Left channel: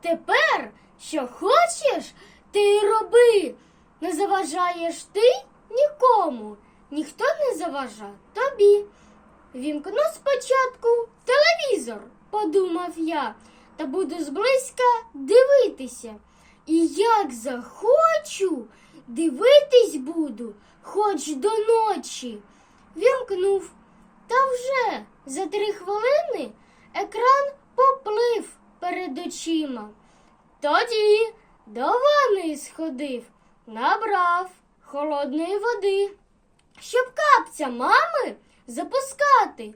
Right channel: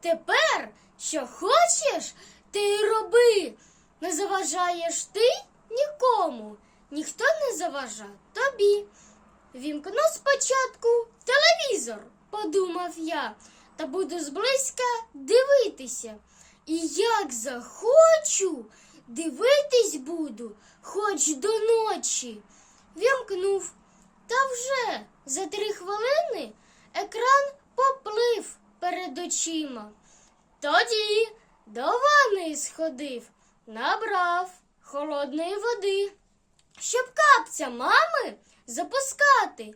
Тепер, що хочеш, ти й роби. Не заважаєш ти нікому. Ніхто не заважа тобі. Вімкну спочатку телевізор, подумав я, та буду зблизька дивитися. І як захочу, дивитись буду, хоч до ночі. Вімкнув. Та вже за три хвилини екран поплив перед очима. Тоді до ванни сходив, набрав холодної води, щоб капця мами запускати.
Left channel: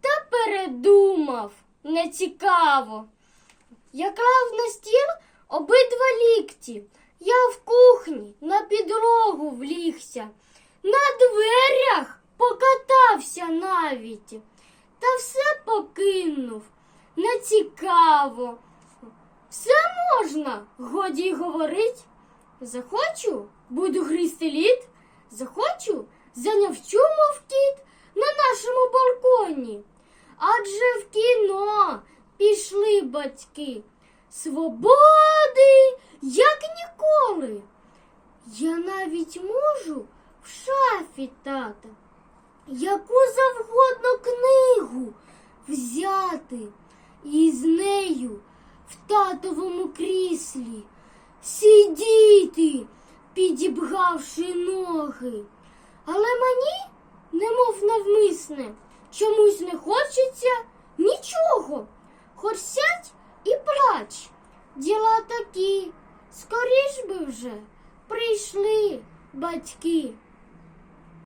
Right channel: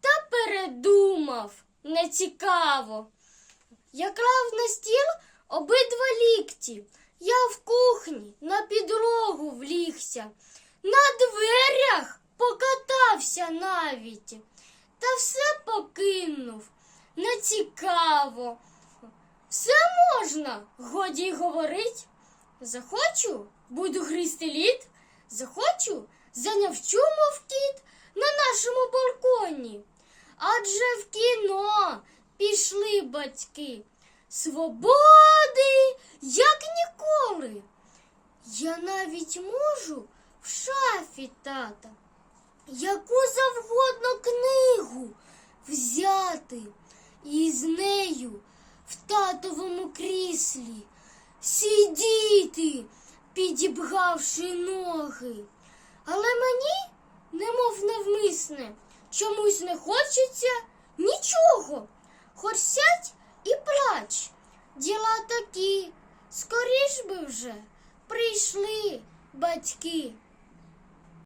Та передумав нецікаво. Я клав на стіл обидва лікті. Я в кухні на підлогу влігся, на дверях покатався навіть. Та все покинув. Нецікаво. Все можна, годі говорить. Захочу, буду гризти лід. Захочу, занявчу, мов кіт на нашому балконі. Адже в кіно пішли батьки. Свободи, як ніколи. Я навіть можу в шафі тата яку завгодно книгу взяти і з нею в татовому кріслі сидіти, підібгавши ноги. Але мені, немов навмисне, чомусь не хочеться нічого. Хоч сядь і плач. Діла такі, скоріш би вже прийшли батьки.